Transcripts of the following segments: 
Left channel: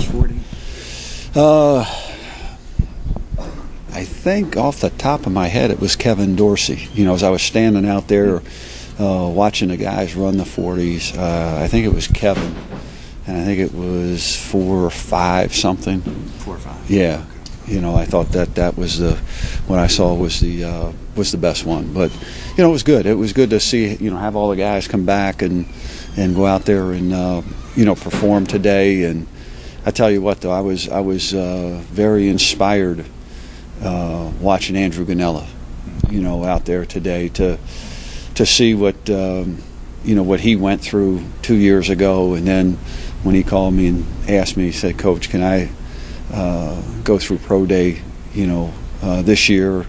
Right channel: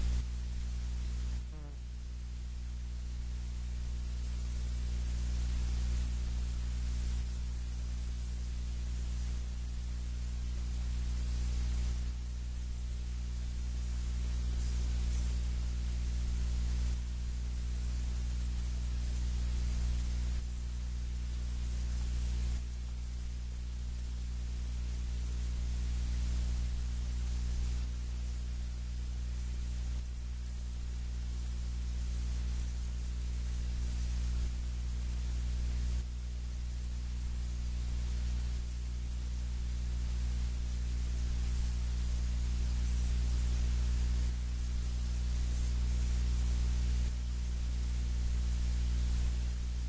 40? I think off the top of my head it was Kevin Dorsey. You know, as I was standing out there watching the guys run the 40s, I think it was Kevin, and I think it was 4 or 5 something. 4 or 5. Yeah, you know, I thought that was what I saw was the best one. But you know, it was good. It was good to see, you know, have all the guys come back and go out there and you know, perform today. And I tell you what, though, I was very inspired watching Andrew Ganella, you know, out there today to see what you know, what he went through 2 years ago, and then when he called me and asked me, he said, "Coach, can I go through pro day, you know, this year?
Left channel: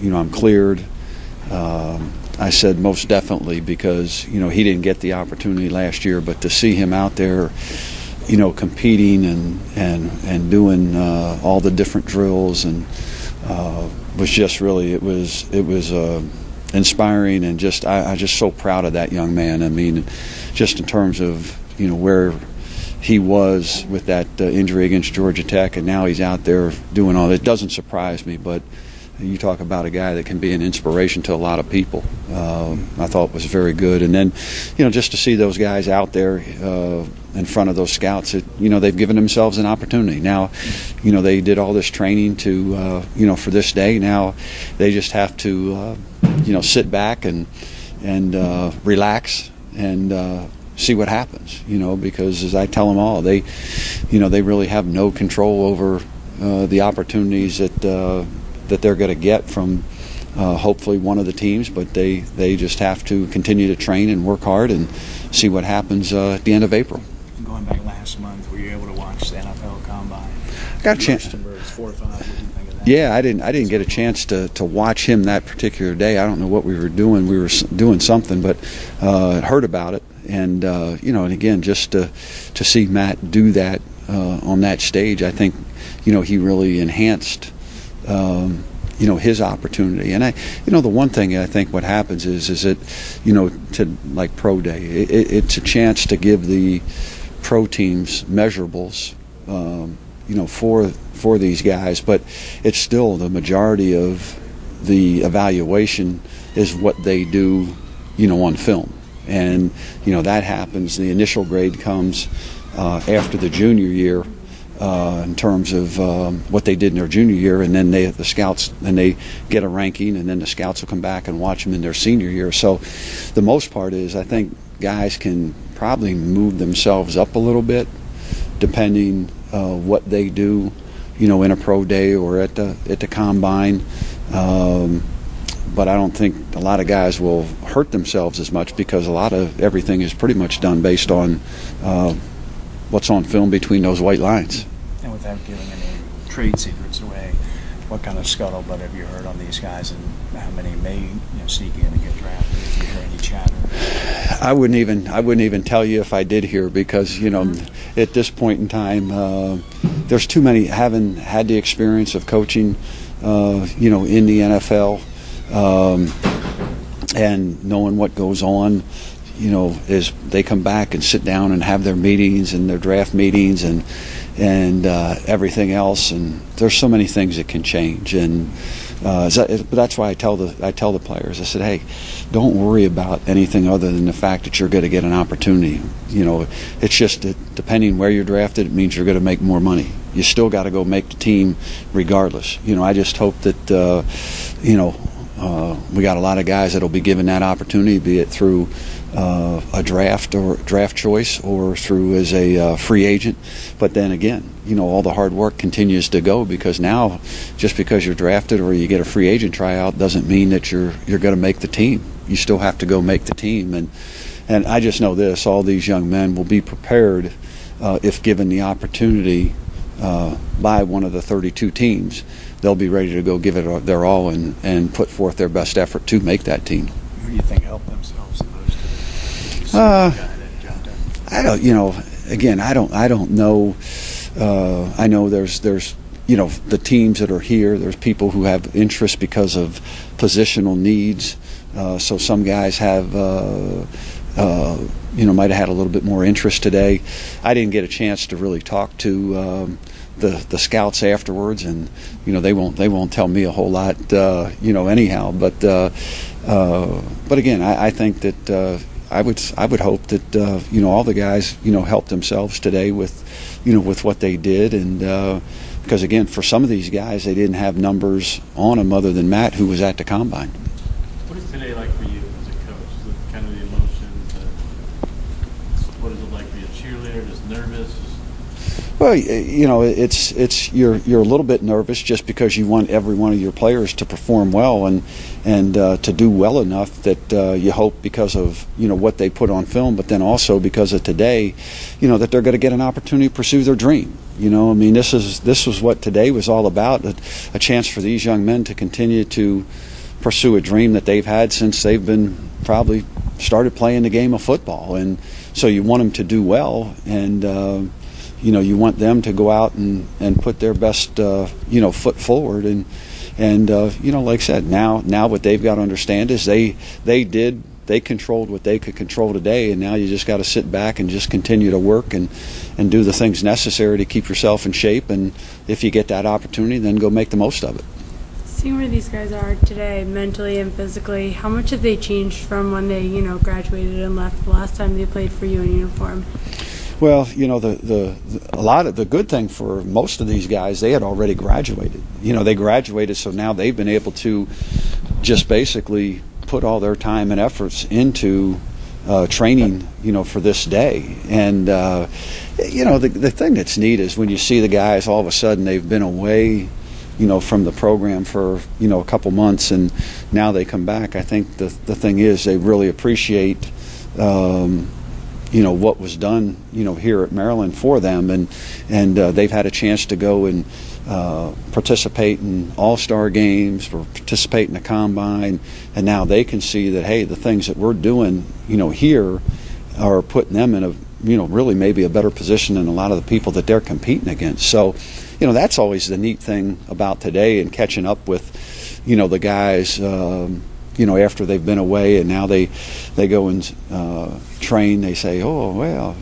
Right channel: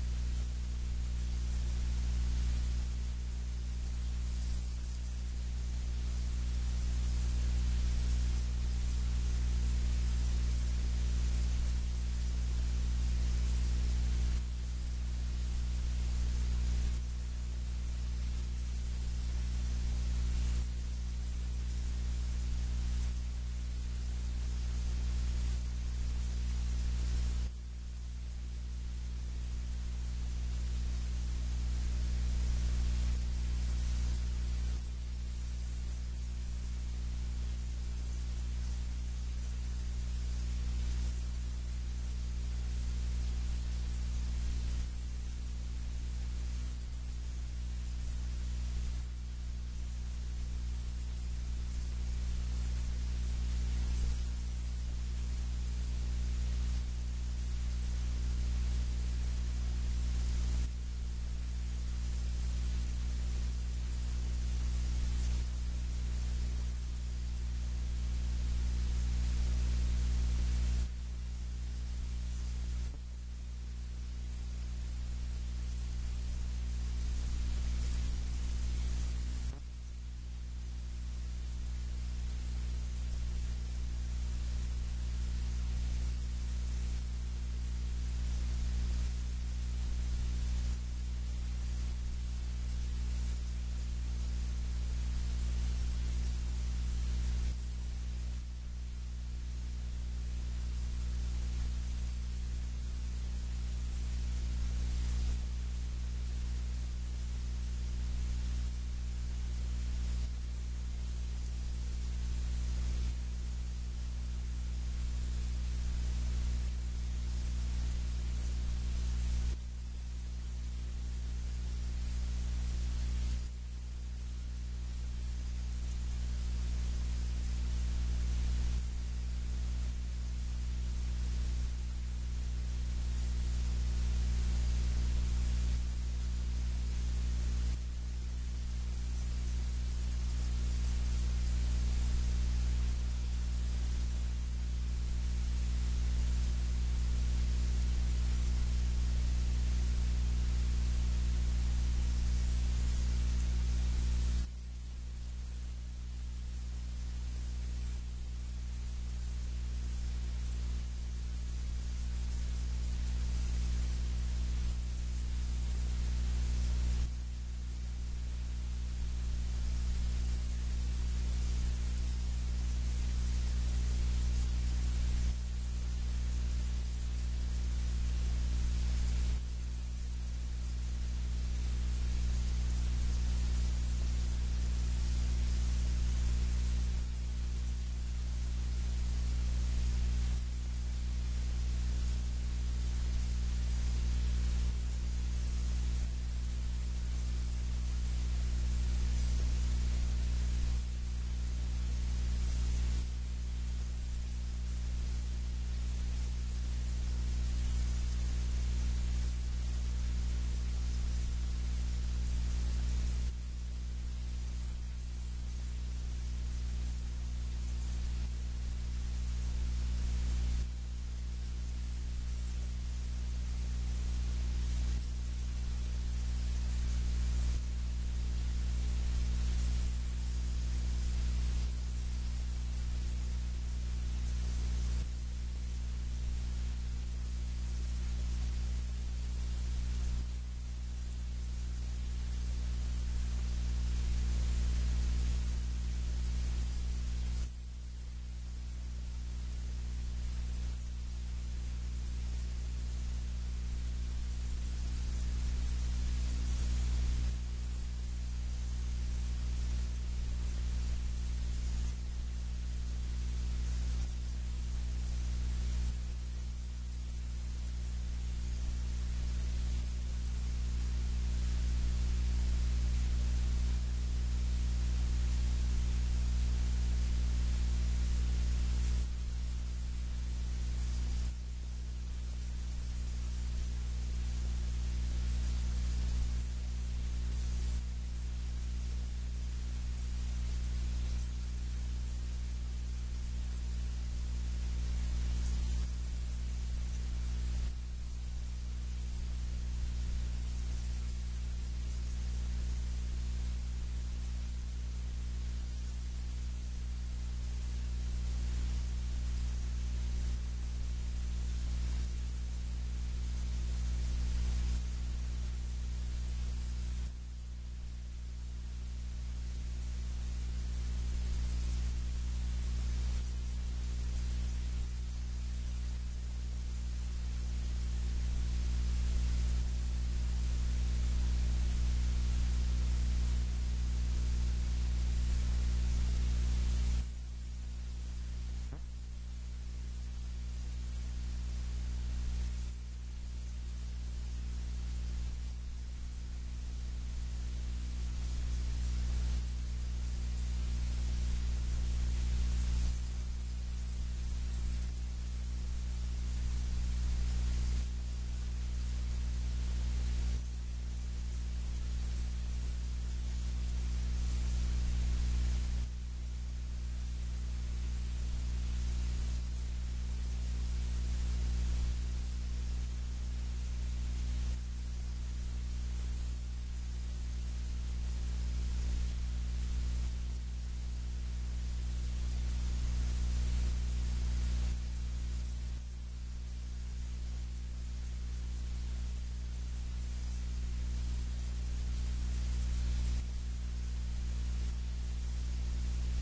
You know, I'm cleared." I said, "Most definitely," because you know, he didn't get the opportunity last year, but to see him out there, you know, competing and doing all the different drills and was just really, it was inspiring, and just I'm just so proud of that young man. I mean, just in terms of, you know, where he was with that injury against Georgia Tech, and now he's out there doing all. It doesn't surprise me, but you talk about a guy that can be an inspiration to a lot of people. I thought it was very good. And then, you know, just to see those guys out there in front of those scouts, you know, they've given themselves an opportunity. Now, you know, they did all this training to, you know, for this day. Now they just have to, you know, sit back and relax and see what happens, you know, because as I tell them all, they, you know, they really have no control over the opportunities that they're going to get from hopefully one of the teams, but they just have to continue to train and work hard and see what happens at the end of April. Going back last month, were you able to watch the NFL Combine? Got a chance. 4 or 5. What did you think of that? Yeah, I didn't get a chance to watch him that particular day. I don't know what we were doing. We were doing something, but heard about it, and you know, and again, just to see Matt do that on that stage, I think, you know, he really enhanced you know, his opportunity. And you know, the one thing I think what happens is that, you know, to like pro day, it's a chance to give the pro teams measurables, you know, for these guys, but it's still the majority of the evaluation is what they do, you know, on film. And you know, that happens, the initial grade comes after the junior year, in terms of what they did in their junior year, and then the scouts, and they get a ranking, and then the scouts will come back and watch them in their senior year. So the most part is, I think guys can probably move themselves up a little bit depending what they do, you know, in a pro day or at the combine. But I don't think a lot of guys will hurt themselves as much, because a lot of everything is pretty much done based on what's on film between those white lines. And without giving any trade secrets away, what kind of scuttlebutt have you heard on these guys, and how many may, you know, sneak in and get drafted? If you hear any chatter? I wouldn't even tell you if I did hear, because, you know, at this point in time, there's too many. Haven't had the experience of coaching, you know, in the NFL, and knowing what goes on, you know, is they come back and sit down and have their meetings and their draft meetings and everything else, and there's so many things that can change. And but that's why I tell the players, I said, hey, don't worry about anything other than the fact that you're going to get an opportunity. You know, it's just that depending where you're drafted, it means you're going to make more money. You still got to go make the team regardless. You know, I just hope that you know, we got a lot of guys that'll be given that opportunity, be it through a draft or draft choice or through as a free agent. But then again, you know, all the hard work continues to go, because now just because you're drafted or you get a free agent tryout doesn't mean that you're going to make the team. You still have to go make the team. And I just know this, all these young men will be prepared if given the opportunity by one of the 32 teams. They'll be ready to go give it their all and put forth their best effort to make that team. Who do you think helped themselves the most? I don't, you know, again, I don't know. I know there's, you know, the teams that are here, there's people who have interest because of positional needs. So some guys have might have had a little bit more interest today. I didn't get a chance to really talk to the scouts afterwards, and they won't tell me a whole lot, anyhow. But again, I think that I would hope that all the guys helped themselves today with what they did, and because again, for some of these guys, they didn't have numbers on them other than Matt, who was at the combine. What is today like for you as a coach? The kind of the emotions. What is it like to be a cheerleader? Just nervous? Well, it's you're a little bit nervous just because you want every one of your players to perform well and to do well enough that you hope because of what they put on film, but then also because of today, that they're going to get an opportunity to pursue their dream. This was what today was all about, a chance for these young men to continue to pursue a dream that they've had since they've been probably started playing the game of football. And so you want them to do well, and you want them to go out and put their best foot forward. And like I said, now what they've got to understand is they controlled what they could control today, and now you just got to sit back and just continue to work and do the things necessary to keep yourself in shape. And if you get that opportunity, then go make the most of it. Seeing where these guys are today, mentally and physically, how much have they changed from when they, graduated and left the last time they played for you in uniform? Well, a lot of the good thing for most of these guys, they had already graduated. They graduated, so now they've been able to just basically put all their time and efforts into training, for this day. And the thing that's neat is when you see the guys, all of a sudden they've been away, from the program for a couple months, and now they come back. I think the thing is they really appreciate what was done here at Maryland for them, and they've had a chance to go and participate in all-star games, or participate in the combine, and now they can see that, hey, the things that we're doing here are putting them in a really maybe a better position than a lot of the people that they're competing against. So that's always the neat thing about today, and catching up with the guys after they've been away, and now they go and train. They say, oh, well,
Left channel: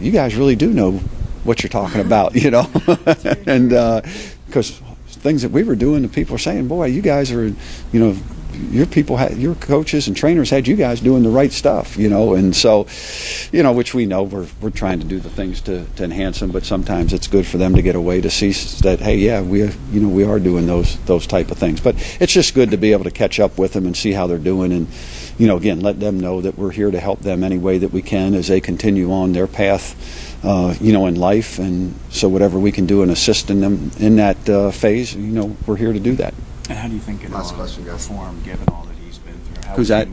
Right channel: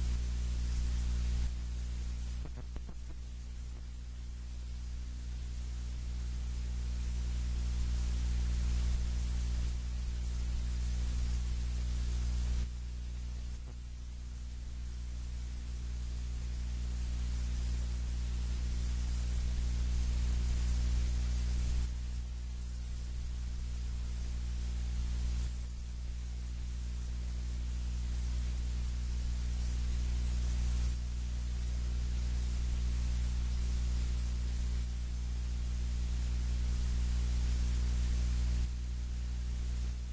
you guys really do know what you're talking about, and because things that we were doing, the people are saying, boy, you guys are, your coaches and trainers had you guys doing the right stuff, and so, which we know we're trying to do the things to enhance them, but sometimes it's good for them to get away to see that, hey, yeah, we are doing those type of things. But it's just good to be able to catch up with them and see how they're doing, and again, let them know that we're here to help them any way that we can as they continue on their path, in life. And so whatever we can do in assisting them in that phase, we're here to do that. And how do you think it'll perform given all that he's been through? Who's that?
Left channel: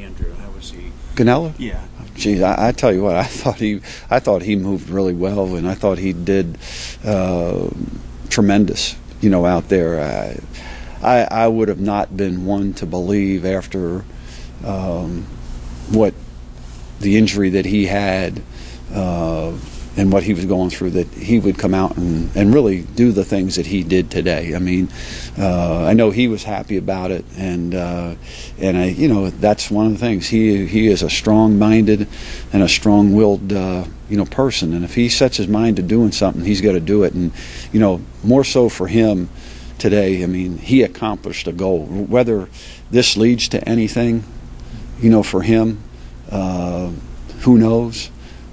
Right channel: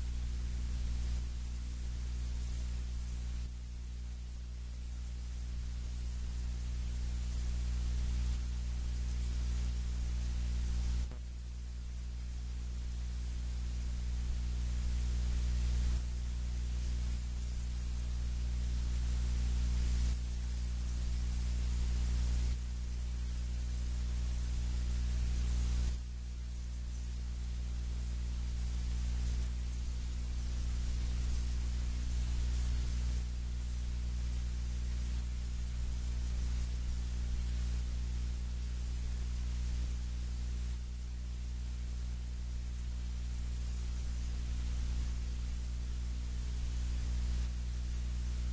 Andrew. How was he? Ganella? Yeah. Geez, I tell you what, I thought he moved really well, and I thought he did tremendous, out there. I would have not been one to believe after what the injury that he had and what he was going through, that he would come out and really do the things that he did today. I mean, I know he was happy about it, and that's one of the things. He is a strong-minded and a strong-willed person, and if he sets his mind to doing something, he's got to do it. And more so for him today, I mean, he accomplished a goal. Whether this leads to anything, for him, who knows?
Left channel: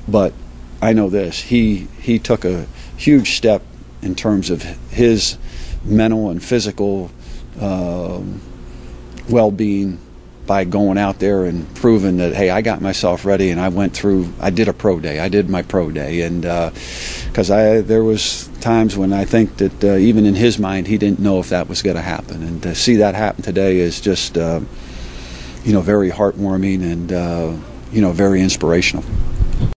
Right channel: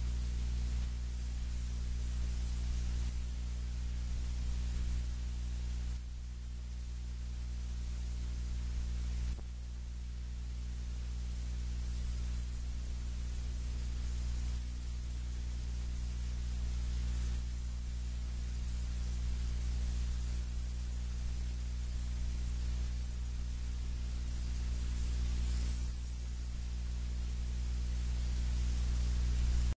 But I know this: he took a huge step in terms of his mental and physical well-being by going out there and proving that, hey, I got myself ready, and I did a pro day. I did my pro day, and because there was times when I think that even in his mind he didn't know if that was going to happen, and to see that happen today is just very heartwarming and very inspirational.